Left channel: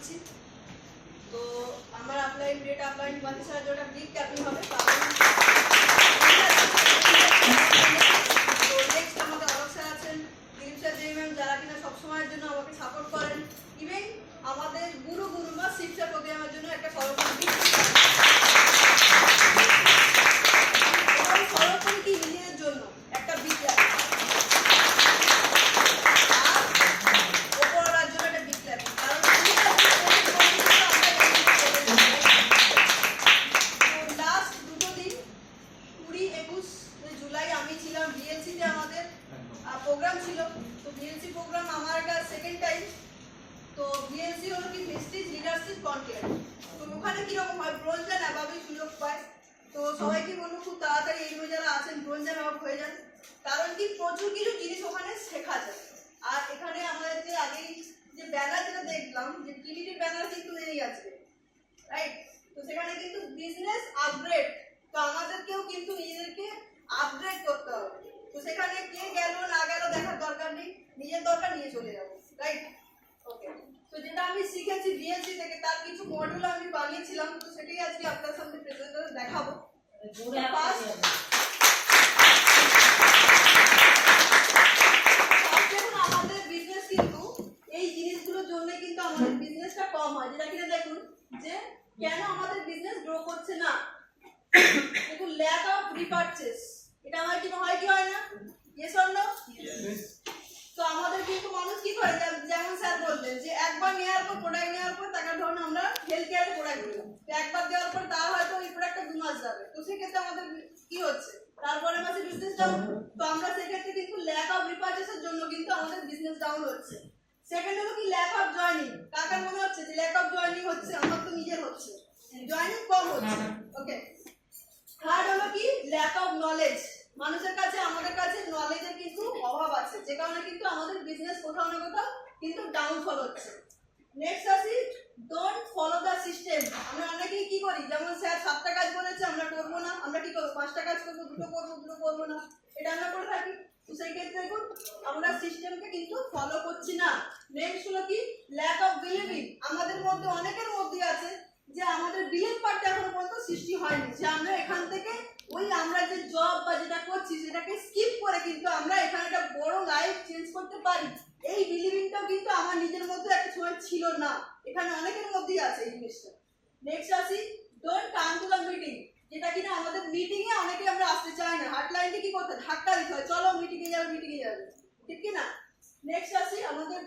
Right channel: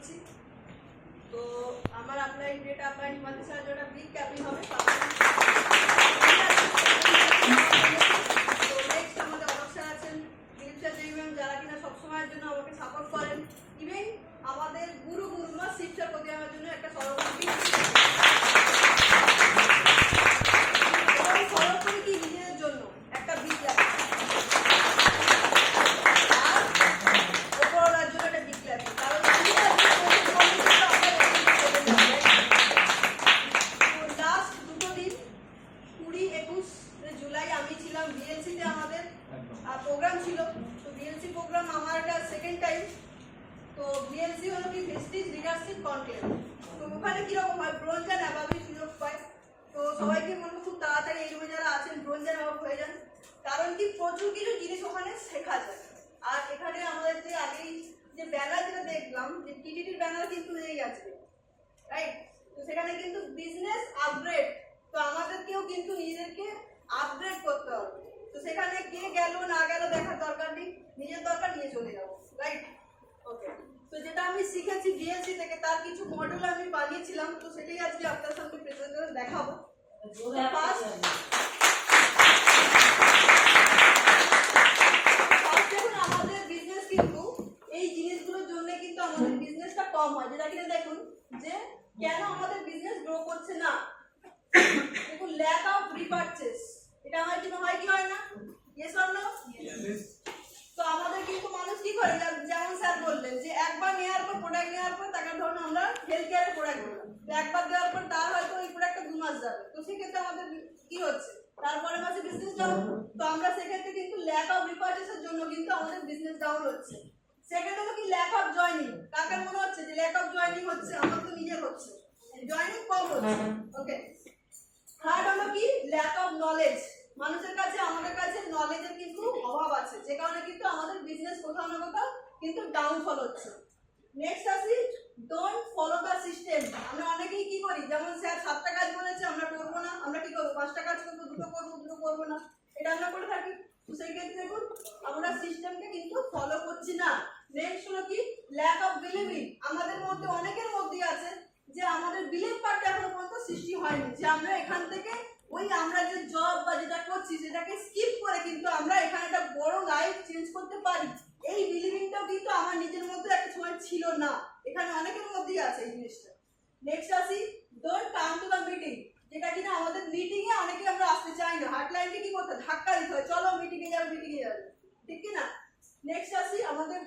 করছি। তো আমার আপলাইন ডেট আপলাইন 25 জোড়া বিগ ক্যাপিং হবে। তো নেক্সট আমাদের অলোক স্যার আছেন, দিলীপ স্যার ম্যাম, যারা কিনা সবসময়ের জন্য আমাকে সাপোর্ট করেন। ইভেন আমাদের গুরু গুরুমা শিক্ষার প্রতি আমার জন্য একটা সরকারি কি নিজেদের জন্য একটা বিদ্যা আর ওপরার জন্য একটা বিদ্যা। কারণ লাস্ট দুটো দিন 20-21 জুলাই আমি ছিলাম বিএলসিতে, আমাদের প্রোগ্রাম ছিল। তো বিএলসি প্রোগ্রাম আমার এটা সেকেন্ড টাইম। তো বিএলসি হলো কি ভেস্টিজ লিডারশিপ কনক্লেভ। তো ওখানে কিরকম হয়, ব্রোঞ্জ অ্যান্ড অ্যাবাবই সুযোগ পায়। তো সবাইকে বলবো খুব তাড়াতাড়ি এই রুমে যারা আছেন ব্রোঞ্জ অ্যান্ড অ্যাবাব হয়ে যান, কারণ কি প্রচুর কিছু জিনিস ওখানে শেখা যায়। আর এখানে আমাদের যে আগেই যে ব্যানার যেটা দেখলাম, যে টিটিটির ব্যানার কিন্তু এই আছে, রাইট? তো সেখানে কিন্তু বিজনেস আপগ্রেড। তো আমাদেরকেও কিন্তু নিজেদেরকে আপগ্রেড করতে হবে। তো সেখানে কে গেল না গেল দেখার দরকার নেই, নিজের দরকার নিয়ে চলে যাবো, রাইট? ওকে। তো যেটা আমি শিখেছি বিএলসি থেকে তার কিছু মডিউল আমি বানিয়েছিলাম, তো সেটাই আজকে আপনার সামনে প্রেজেন্ট করে দেখাবো। ফার্স্ট দেখুন, আমাদের বিজনেস কিন্তু এই জিনিসগুলোর জন্য কিন্তু আমাদের বিজনেসটা কম হয়। যেটা কিনা দেখুন যে কেন আমাদের বিজনেস গ্রো করছে না। দেখুন, ল্যাক অফ রিপারচেস, এটা হয় কি হয় না? Yes or no? তো আমাদের কিন্তু মানুষ কি করে, যেমন স্যার বললেন যে একবার নেওয়ার পর প্রোডাক্ট নেওয়ার পর তাকে ধরুন আমরা হেলথ কেয়ারের প্রোডাক্ট দিলাম, তো একবার দেওয়ার পর তার হয়তো এই প্রোডাক্টটা 2 মাস যাবে। তো সেক্ষেত্রে আমাদের কি হচ্ছে, তারপরে মাসে বিজনেস ডাউন। তো আমরা সেক্ষেত্রে কিন্তু ল্যাক অফ রিপারচেসের জন্য কিন্তু আমাদের বিজনেস ডাউন হচ্ছে। সেকেন্ড হলো কি ল্যাক অফ জয়নিং। কার কার মনে হচ্ছে যে ল্যাক অফ জয়নিং হচ্ছে? আমার তো নিজের হচ্ছে, জয়নিং কম হচ্ছে। ওকে। থার্ড হলো কি ল্যাক অফ নলেজ। মানুষের কাছে, আমাদের কাছে নলেজের কিন্তু অভাব আছে, যে কারণে কিন্তু আমাদের বিজনেস কোথাও না কোথাও কিন্তু ডাউনফল হচ্ছে। নেক্সট আসি ডোন্ট ফলো দ্য সিস্টেম। আমরা অনেকেই কি করি, যেমন স্যার 7টা কাজ বলেছে আমরা করবো না, আমরা কি করবো 5টা কাজ করবো, দুটো করবো না, এটা আমরা করে থাকি। তো সেই ক্ষেত্রে দেখুন আমরা সিস্টেমকে কিন্তু ফলো করছি না। নেক্সট হলো কি ল্যাক অফ বিলিভিং। আমাদের মধ্যে অনেকের মধ্যে আছে যে আমাদের বিলিভ পার্টটা এখনো পর্যন্ত সৃষ্টি হয়নি, যে আমরা এখান থেকে ওই আমরা যে জব বা যেটা করছি সেটাকে স্কিপ করে কিন্তু আমরা এখানে একটা বড় লাইফ চেঞ্জ করতে পারি। এই বিলিভিংটাও কিন্তু আমার নিজের মধ্যে একটা সময় ছিল না, এখানে অনেকের মধ্যেই আছে এই জিনিসটা। নেক্সট আসি don't come to the meeting. যেটা কিনা আমাদের মিটিং এ অনেকে আমরা আসতে চাই না, হার্টলাইনকে কি করতে ধাক্কা দিতে হয়, চলো মিটিং এ যাবে, ঠিক কি না? নেক্সট আসি আমাদের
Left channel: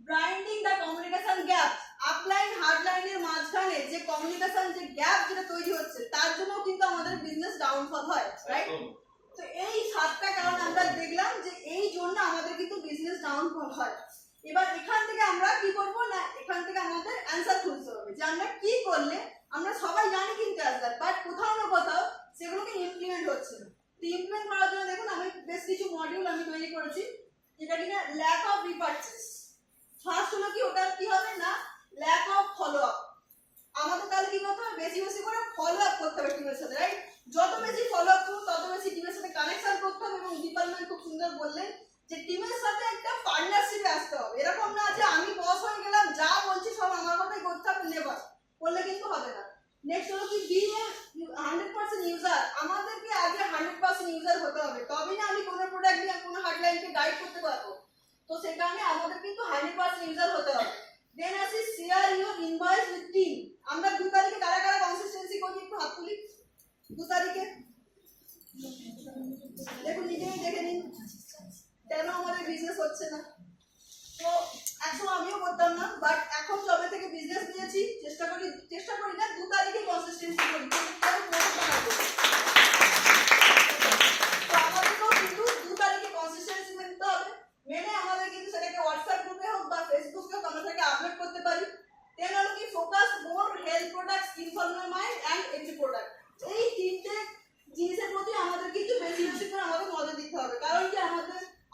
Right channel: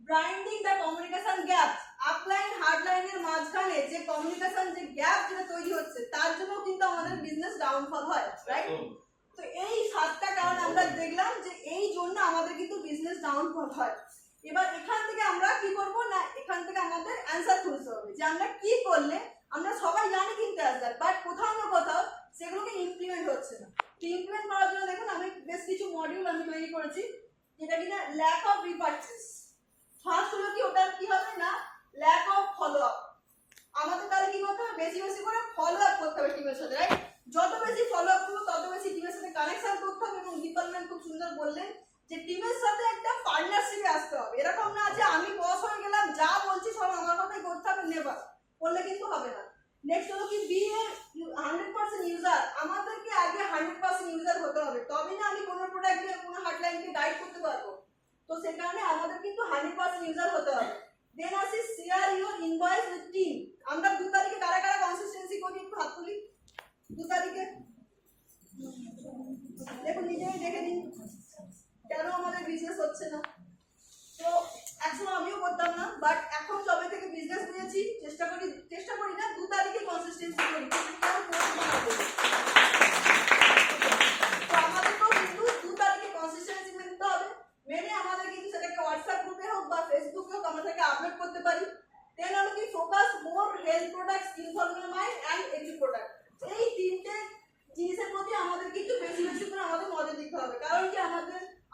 ব্রাইন্ডিং দ্য কমিউনিকেশন গ্যাপ। আপলাইন হার্ডলাইনের মাঝখানে যে কমিউনিকেশন যে গ্যাপ যেটা তৈরি হচ্ছে, তার জন্য কিন্তু আমাদের বিজনেস ডাউনফল হয়, রাইট? তো এই 7টা কারণ আমরা দেখলাম যে এই জন্য আমাদের কিন্তু বিজনেস ডাউনফল হয়। এবার এখান থেকে আমরা কি করব না, এখান থেকে আমাদের অ্যানসার খুঁজতে হবে যে আমরা কি করলে, আমরা সবাই জানি কিন্তু অ্যানসার, বাট কোথাও না কোথাও সেগুলোকে ইমপ্লিমেন্ট হচ্ছে না। তো ইমপ্লিমেন্ট করার জন্য দেখুন আমি বেশ কিছু মডিউল আমি তৈরি করেছি, যেটা কিনা ল্যাক অফ রিপারচেস। ফার্স্ট হলো কি, ওটা কি হবে না ল্যাক অফ ফলো আপ। আমাদের তাহলে কি করতে হবে, বেশি বেশি করে ফলো আপ করতে হবে টিমের সাথে, রাইট? যত বেশি ফলো আপ করবো তত বেশি টিমের সাথে কানেকশন করতে হবে। এবং ডিপার্টমেন্ট খুব সুন্দর বললেন যে টিমের সাথে একটা পার্টনারশিপে আসতে হবে। এরকম না যে আমি বস হয়ে গেলাম, যা বলছি সব আমার কথাই করতে হবে, নেভার, করলে কিন্তু হবে না। নেক্সট হলো কি বি এ 100% ইউজার। আমাদেরকে আগে 100% ইউজার হতে হবে, তবেই না আমি কোনো প্রোডাক্ট দিয়ে কোনো হার্ডলাইনকে গাইড করতে পারবো। তো সেই কারণে আমাদের কিন্তু 100% ইউজার হতে হবে। দেন আসি share your invoice with team. আমরা 2 তারিখে কারা কারা কনসিস্টেন্সি করি একটু হাত তুলি। 2 তারিখে দেখুন, নিজেই দেখে নিন কেন আমাদের বিজনেস হচ্ছে না। তো একসময় আমিও করতাম না, বাট এখন যবে থেকে বিজনেস নিয়েছি চেষ্টা করি না 2 তারিখে কনসিস্টেন্সি করি। তো আমাদেরকেও কিন্তু 2 তারিখে কনসিস্টেন্সি মেনতে হবে। মেনে আমাদের কিন্তু সেটাকে হোয়াটসঅ্যাপ গ্রুপে হোক বা ফেসবুকে হোক আমরা সেটাকে আপলোড করতে পারি। দেন হলো কি focus more health products, informal mind and entry product. এই 3টে জিনিসের প্রতি আমাদের কিন্তু বেশি বেশি করে আমাদের নজর দিতে হবে। কারণ কি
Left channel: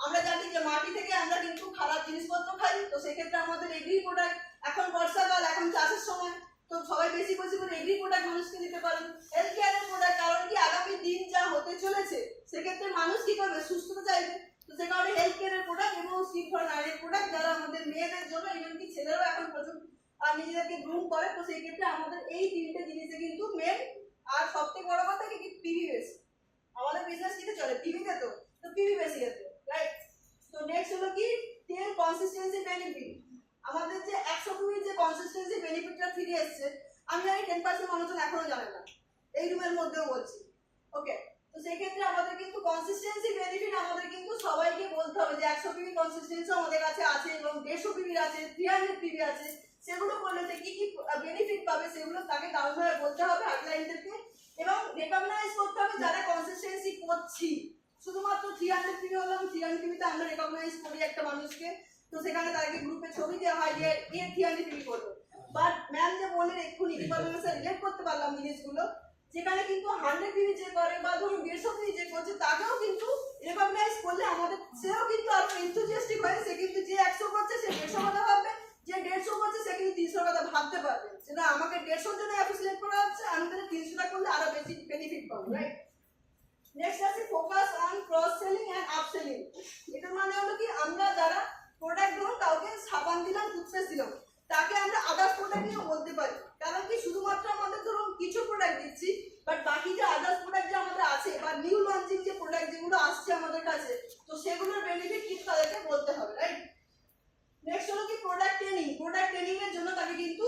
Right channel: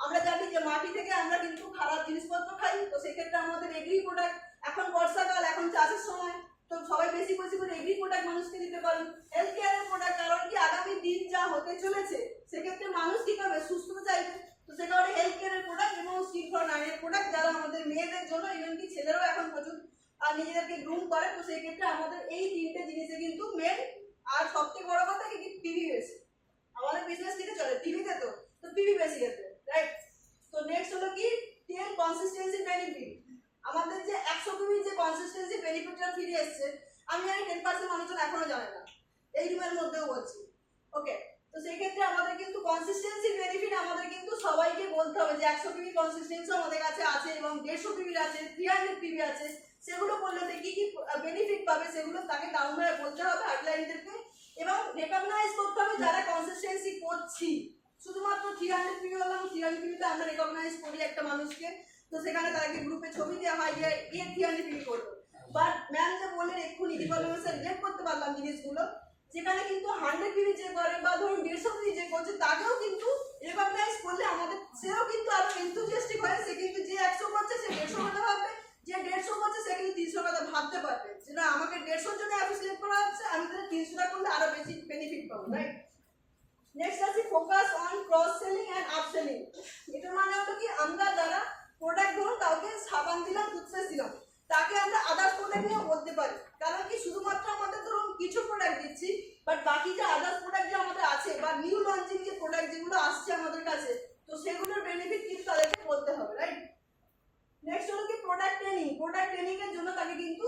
আমরা জানি যে মাটি থেকে আমরা কিন্তু খারাপ জিনিসপত্র খাই। তো সেক্ষেত্রে আমাদের এগ্রি প্রোডাক্ট, এখন বর্ষাকাল, এখন চাষের সময়, তো সবাই বেশি বেশি করে এগ্রি প্রোডাক্ট মানুষকে দিতে পারেন। হেলথ কেয়ারের প্রোডাক্ট, কারণ কি আগামী দিন যা হতে চলেছে সেক্ষেত্রে মানুষ কি করবে, সুস্থতা চাইবে। তো সে কারণে হেলথ কেয়ারের প্রোডাক্ট এবং স্কিন ফর নাইনের প্রোডাক্ট যারা আমাদের মেয়েদের জন্য, ইভেন কি ছেলেরাও এখন প্রচুর আর নিজেদেরকে গ্রুম করে, তো সেই ক্ষেত্রে আমাদের এই তিনটে জিনিসে কিন্তু মেন। আর সব থেকে বড় কথা কি পিভি বেশি, আমাদের বিজনেস কিতে চলে পিভিতে, তো পিভি বেশি আছে, রাইট। তো নেক্সট হলো কি তেল কনসিস্টেন্সি বেনিফিট। আমাদের যে 100 পিভির যে কনসিস্টেন্সি বেনিফিটটা ফিরে এসছে, আমি জানি 10% মানুষজন এখনো জানে না, এই রুমের মধ্যেও বলছি, ওকে। তো সেই ক্ষেত্রে আমাদের কিন্তু কনসিস্টেন্সি বেনিফিট আমাদের কিন্তু সবাইকে বলতে হবে যে 100 পিভি কনসিস্টেন্সি আমাদের কাছে আছে এবং 150 পিভি আছে, 300 পিভি আছে, সেগুলো করলে কি কি বেনিফিট পাবে সেগুলো তাকে ডাউনলোড করতে হবে আউটলাইনদেরকে, এবং রেকগনাইজ করতে হবে যারা কনসিস্টেন্সি করছি। শুধুমাত্র 300 পিভি হলাম, 300 পিভিতে আমরা রেকগনাইজ করি একটা মানুষকে, তো সেখানে তাকে গ্রুপে ছবি দেওয়া হয় যে এ 300 পিভি করবো। বাট ম্যাম যে বললেন এক্ষুনি ডিপার্টমেন্টের রিলেট করতে পারলাম জিনিসগুলো, যেখানে কিন্তু 100 পিভি যে করে বা ধরুন 150 পিভি যে করছে তাকেও কিন্তু রেকগনাইজ করলে আমাদের সেও কিন্তু আরো এনথুজিয়াস্টিক হয়, সে কিন্তু যে 100 করছে সে 150 কথা ভাববে, যে 150 করছে সে কিন্তু 300 কথা ভাবতে পারবে যে না আমাকে 150 জন্য অ্যাপ্রিসিয়েট করা হচ্ছে, আমি তাহলে 300টা করলে আরো বেশি বেনিফিট পাবো, রাইট। নেক্সট আছে focus on cross selling end up selling. এটার মানে হলো কি আমরা যারা প্রোডাক্ট ধরুন কাউকে সাবান দিলাম, টুথপেস্ট দিলাম, তাকে আমরা আদার্স প্রোডাক্ট নিয়ে বলতে পারি, কারণ কি শুধুমাত্র আমাদের ধরুন কিছু প্রোডাক্ট দিচ্ছি, বাট বাকি যে আদার্স প্রোডাক্ট যে আমাদের আছে বা নিউ লঞ্চিং যে প্রোডাক্ট যেগুলো আসছে আমাদের কাছে, তো সেগুলোর বেনিফিট কিন্তু তাদেরকে বলতে হবে, রাইট। নেক্সট হলো কি প্রোডাক্ট ট্রেনিং। প্রোডাক্ট ট্রেনিং এর জন্য তাকে কিন্তু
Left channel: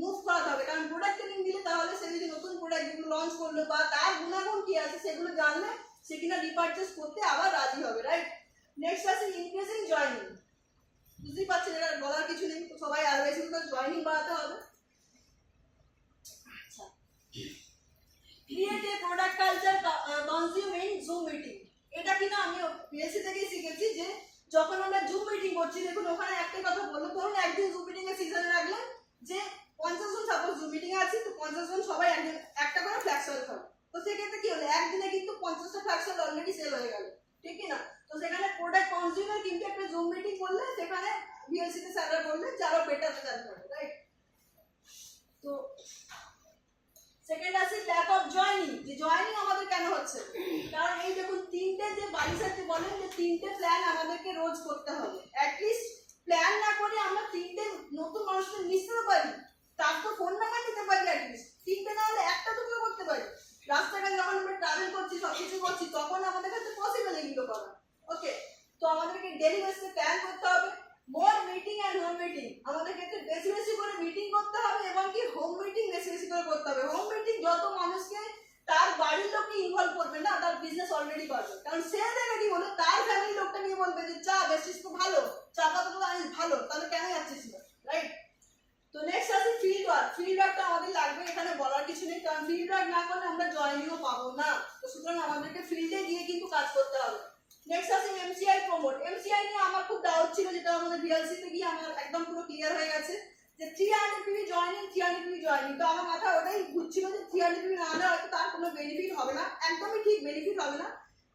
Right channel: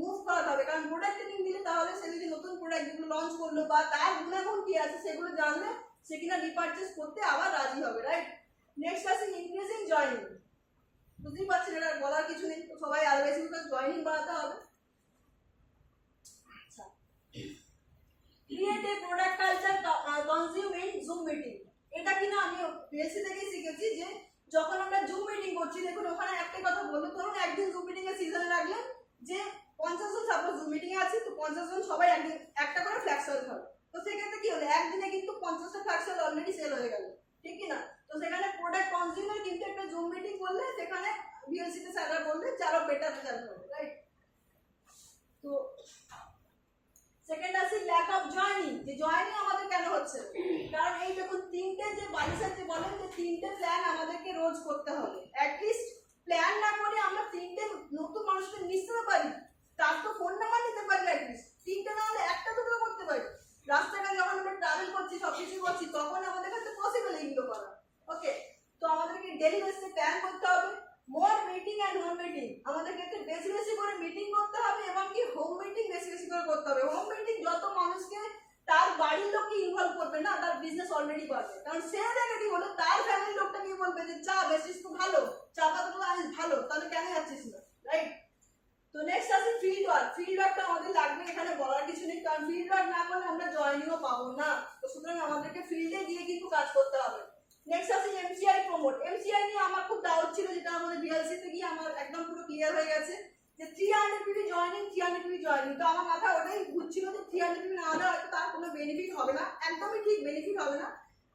মুভ করাতে হবে, কারণ প্রোডাক্ট ট্রেনিং দিলে তাহলে সে যদি নতুন প্রোডাক্ট যেগুলো লঞ্চ করলো বা তার গুণাগুণ কি আছে সেগুলো জানলে সে কিনা রিপারচেজ করতে আবার রাজি হবে, রাইট। নেক্সট আছে ইনক্রিজিং জয়েনিং। বুঝতেই পারছেন এটা বলার কিছু নেই, তো সবাই আরো বেশি করে জয়েনিং বাড়াতে হবে। আচ্ছা, create a product culture consume in zoom meeting. এটা কিনা আমি বিএসসি থেকে শিখেছি যে যখন আমরা জুম মিটিং করছি, দেখুন ওখানে একটাই কথা বললো, ধরুন একদিন জুম মিটিং এর সিজনে রাখলেন যে 50 জন সাপোজ জুম মিটিং এ আছি, তো 50 জন সবাই একদিন একটা করে ফ্ল্যাক্স সেল হবে, তো সেক্ষেত্রে কি হলো একদিনে কিন্তু 50টা ফ্ল্যাক্স সেল অলরেডি সেল হয়ে গেল, ঠিক কি না। তো সেখানে প্রোডাক্ট কনজিউমার কিন্তু একটা জুম মিটিং করলে সেখানে বিএলসি তে স্যাররা বললে যে আরো বেটার রেজাল্ট হবে, রাইট। তো সেকেন্ড আছে ল্যাক অফ জয়েনিং। যে জয়েনিং আমাদের কেন হচ্ছে, কারণ এই দেখুন তিনটে যে বাড়ি সাথে বলেন যে তিনটে প্ল্যান আমাদেরকে রোজ করতে হবে, অ্যাটলিস্ট প্ল্যান না করে আমরা তিনটে নতুন মানুষকে মিশতে পারি, তার তো ফোন নাম্বার নিতে পারি, অ্যাটলিস্ট তিনটে না হলে একটা দুটো করতে পারি। রাস্তাঘাটে যখন আমরা ট্রাভেল করছি সবকিছু করছি তখন আমাদের কাছে পসিবল এগুলো করা, ওকে। তো আমাদেরকে ডেলি বেসিসে প্ল্যান করতে হবে। মোর মিটিং এন্ড হোম মিটিং, আমাদের ক্ষেত্রে বেশি বেশি করে মিটিং করতে হবে এবং কি হোম মিটিং বেশি বেশি করে করতে হবে। হোম মিটিং যত মানুষকে তার বাড়ির লোককে ইনভলভ করবে না, তার বিজনেস অলরেডি বাড়বে, কারণ সে জায়গা কি বলে তার ফ্যামিলির লোকটা নিয়ে বলবে যে চা বেশিস তো ভালো, চা পাতাগুলো আনিস ভালো, তাহলে কেন যাচ্ছিস না, রাইট। তো নেক্সট আছে ফিল্ড ওয়ার্ক। ফিল্ড ওয়ার্কটা আমাদের লাগবে, এখানে বলার কিছু নেই, কারণ ফিল্ড ওয়ার্ক না করলে আমরা জয়েনিংও পাবো না, তো সুতরাং আমাদেরকে ফিল্ডে গিয়ে কিন্তু কাজ করতে হবে। নেক্সট আছে এমসিআই প্রমোট। এমসিআই নিয়ে আমার খুব ডাউট ছিল, যেটা আমাদের বিএলসি তে গিয়ে আমার একদম পুরো ক্লিয়ার হয়ে গেছে যে 300 পিভি জয়েনিং, 300 পিভি জয়েনিং। তো আমার মাথা ওটাই ঘুরছিল যে 300 পিভি না হলে হয়তো তার কোনো বেনিফিট হবে না, একদমই ঠিক বেনিফিট হবে না।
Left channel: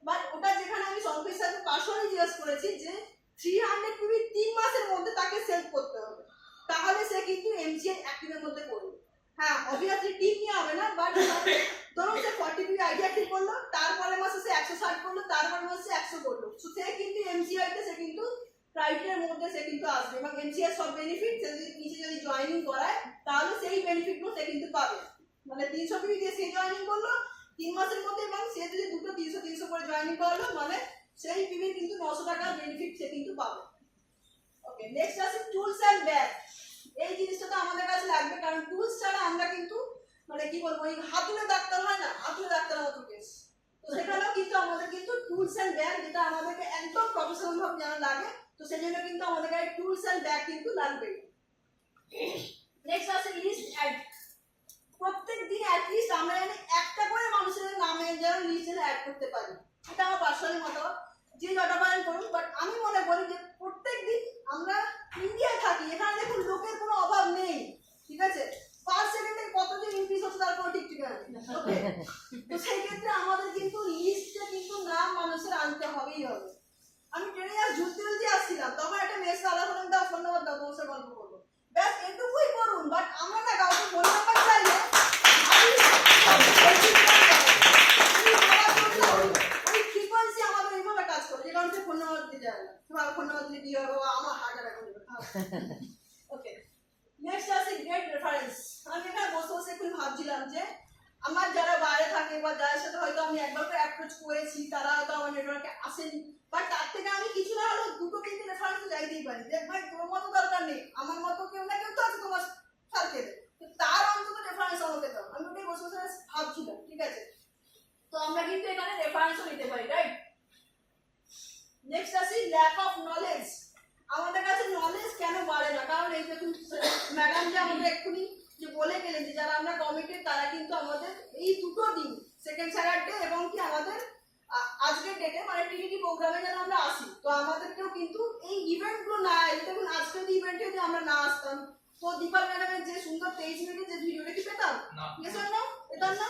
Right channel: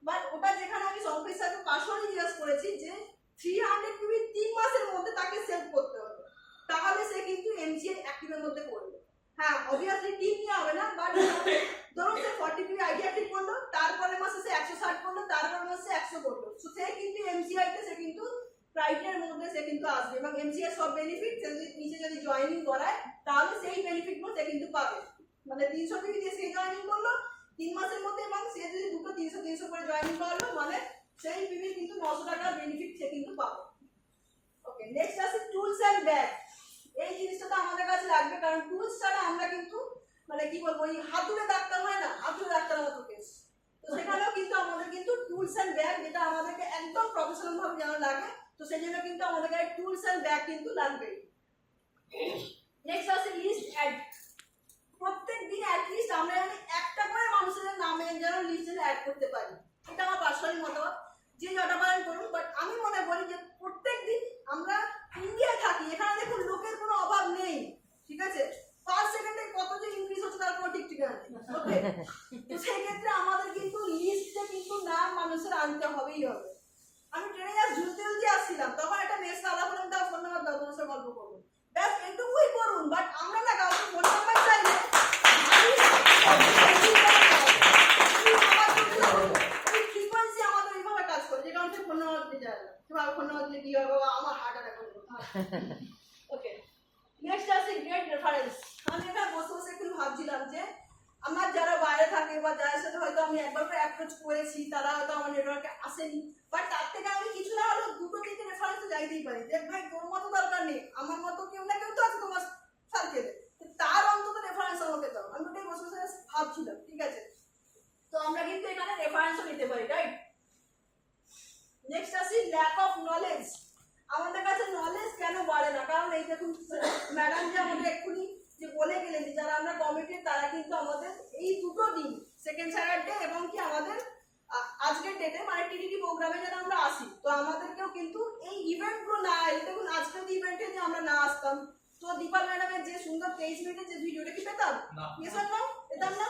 বাট ওটা যেখানে আমি সংকের সাথে পার্সোনালি জিজ্ঞেস করেছি যে 300 পিভি 3 মাসের মধ্যে তাকে সেল করতে হবে, তাহলে সে কিন্তু এমসিআই অ্যাক্টিভের মধ্যে পড়বে। হ্যাঁ অবভিয়াসলি টিম নিয়ে হবে না, বাট ধরুন সে 40 পিভি আইডিয়া ঠিক করলো, তারপরে মাসে সে 160 করলো, তারপরে মাসে সে 100 করলো, সে কিন্তু এমসিআই তে সে কিন্তু ক্রাইটেরিয়ার মধ্যে সে কিন্তু আসবে এবং এমসিআই সব বেনিফিট সে যদি নিচে যদি জয়েনিং করায় তাহলে সেই বেনিফিটগুলো সে কিন্তু পাবে। মানে 300 পিভি দিয়ে সে জয়েনিং করলো 3 মাসের মধ্যে, এবং সে যদি দুটো 300 করে জয়েনিং করলো মানে সেই পিভির কিন্তু 900 টাকার বেনিফিট সে কিন্তু পাবে, ওকে। নেক্সট আছে টুলস এন্ড ব্যাগ। এই জিনিসটা তো আমাদের কাছে লাগবে, কারণ টুলস ছাড়া আমরা কিন্তু মানে কি বলবো ওই হাতুড়ে ডাক্তার হয় না, হাতুড়ে ডাক্তারের মতো কেস, তো সেখানেও কিন্তু আমাদের কিন্তু টুলস এন্ড ব্যাগ যেটা আমাদেরকে একদম প্রফেশনাল ভাবে জানা লাগে, তো সেই জন্য কিন্তু আমাদের কাছে টুলস এন্ড ব্যাগ কিন্তু লাগবে। নেক্সট আছে লিস্ট অ্যাড। প্রত্যেক দিন অ্যাটলিস্ট আমরা জানি একটা করে মানুষের নামে যেন লিস্টে অ্যাড করতে পারি, এটা আমার পার্সোনালি মতামত, যে যটা পারেন করুন। বাট আমি মনে করি যে প্রত্যেক দিন আমরা ইন্ডিয়ায় থাকি, এখানে দেখুন লোকের কোনো অভাব নেই, ঠিক আছে, পার সেকেন্ডে কত যে ইনক্রিজ হচ্ছে তার কোনো ঠিক ঠিকানা নেই, ওকে। তো সেই ক্ষেত্রে আমাদের কিন্তু লিস্টে কিন্তু নাম মানুষের আনতে হবেই হবে। আমি ট্রেনে যা ঝুলতে ঝুলতে আসছিলাম তখন একটা মেয়ের সাদা ফোন দাও, ফোন নাম্বার দাও, তোমার সাথে গল্প করবো, ব্যাস এটুকুই করুন। বাট আমরা না কাউকে ফোন নাম্বার চাইলে ওই ফ্রিকোয়েন্সি আমাদের এইভাবে কাজ করে, যে কারণে ফোন নাম্বার ওকে, নেক্সট আছে গ্রেট রেফারেন্স। আমি এখানে বসে বসে একটু ভাবছিলাম যে আমার যারা বাইরে থাকে বা যার সাথে হয়তো আমি একবার করে অ্যাপ্রোচ করেছি, তারা হয়তো আমার নেটওয়ার্কে আসেনি, বাট তার থেকে আমি কিছু না হলেও দুটো তিনটে রেফারেন্স যাইতেই পারি। দেখ ভাই, তোর মতো দরকার নেই, আমার মতো কেউ না কেউ তো আছে তোমার সার্কেলে, তার অন্তত রেফারেন্স আমাকে দাও। আমি ওটাই বসে বসে ভাবছিলাম, ঠিক আছে? তো আমরা কিন্তু এখানে রেফারেন্সও নিতে পারি, রাইট? নেক্সট আসি ল্যাক অফ নলেজ। আমাদের কাছে নলেজ কেন বাড়ে না? কারণ এই দেখুন ম্যাডাম যে আমাদের এক্ষুনি যে বলে গেলেন যে যারা আমরা কমিটেড, তারা কিন্তু আমাদের এই দুটো দিন, সেকেন্ড স্যাটারডে এবং কি আমাদের আজকের ডেটে মানে টিডিটি প্রোগ্রামে যেন আমরা আসি, তো আমাদেরকেও কিন্তু এই ইভেন্টগুলো না, এই দেখুন আজকের ইভেন্টে যে আমরা না আসতাম, তো দীপাল ম্যাডামের যে সুন্দর 23 মিনিটের যে ভিডিওটা কি পেতাম? Yes or no? পেতাম না?